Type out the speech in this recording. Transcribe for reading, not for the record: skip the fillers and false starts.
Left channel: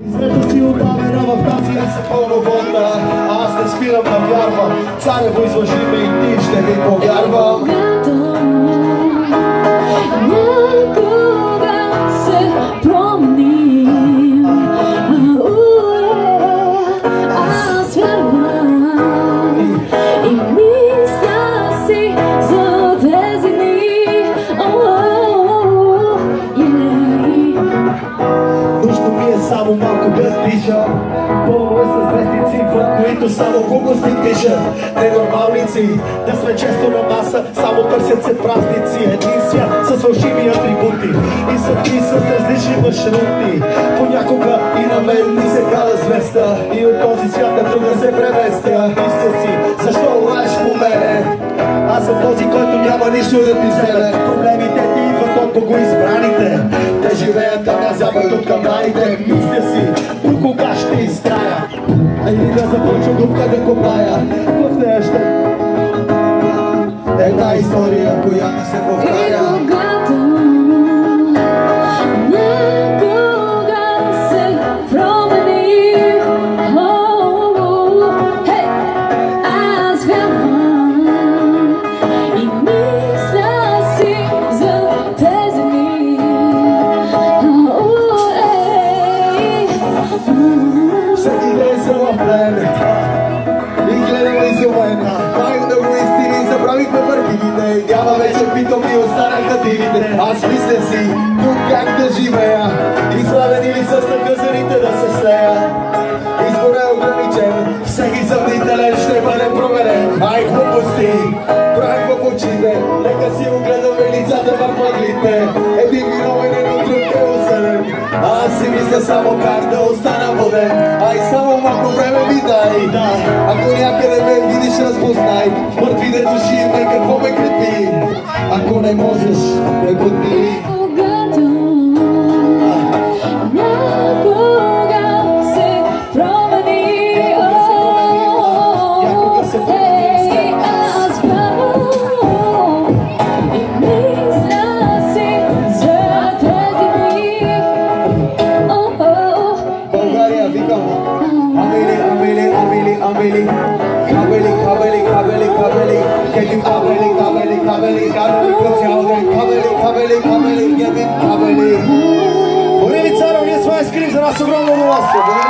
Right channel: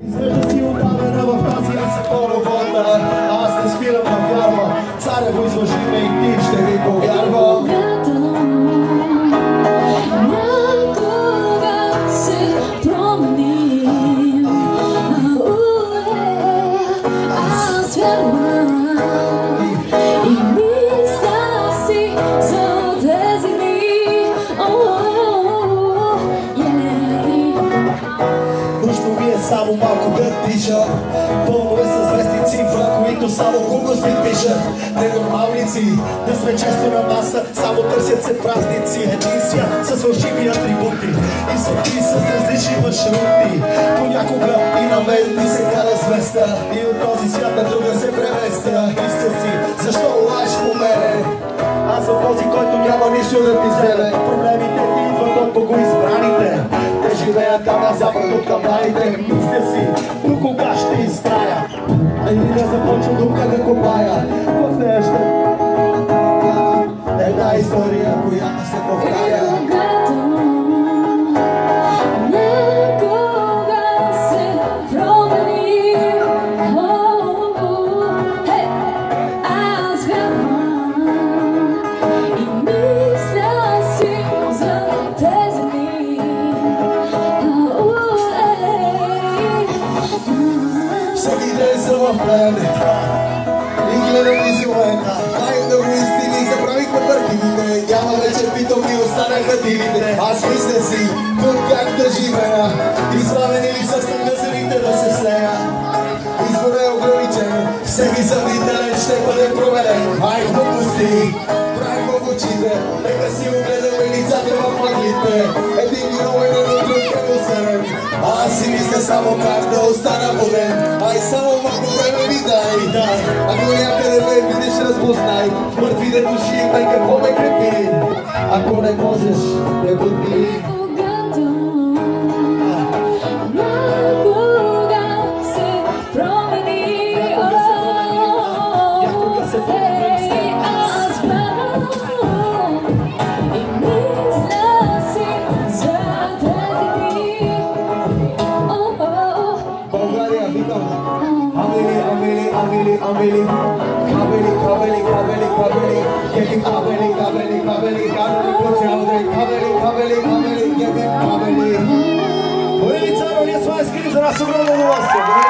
Срещу си отдавена в тази световна, аз не спирам да вярвам, царево излъжи ме и ти ще ми повярвам. Някога се променим, аз вярвам и мисля си за тези дни. Нужно ми е само малко да дишам, пълно е с вестници, в които само глупости пишат. Ненормалници, да сме често на маса, само търсят се празници. Един свят с фалшиви атрибути и съдби с различни маршрути. Понякога и на мен ми се кара звезда и от този свят на друга се преместя. Мисля си, защо лаеш по мене? Аз съм този, който няма нищо да ти вземе. Проблемите ти идват от богоизбраните. Те живеят там на запад от каманите. Мисля си, до кога ще изтрая? Или да започна дупка да копая. В нея ще една история, която се повтаря. Всеки ден съм в плен и гледам изумена. Най-много истини забравихме върхивите. Няма вече питом и останаха дивите. Аз мисля си, тук как да живея, изправен или с наказаните да се слея. Избор е ограничен, всеки съмнителен ще бъде проверен. Ай, глупости, правим в очите, нека си огледаме лицата в мъглите. Един виновен от друг е осъден, аз си мисля само как да остана воден. Ай, само малко време ми дай. Ако някъде ме видиш, разпознай. В мъртвите души ме какво ме крепи. Ако не можеш, ме подмини. Борили Царов, ние сме скрим за нас огромно удоволствие.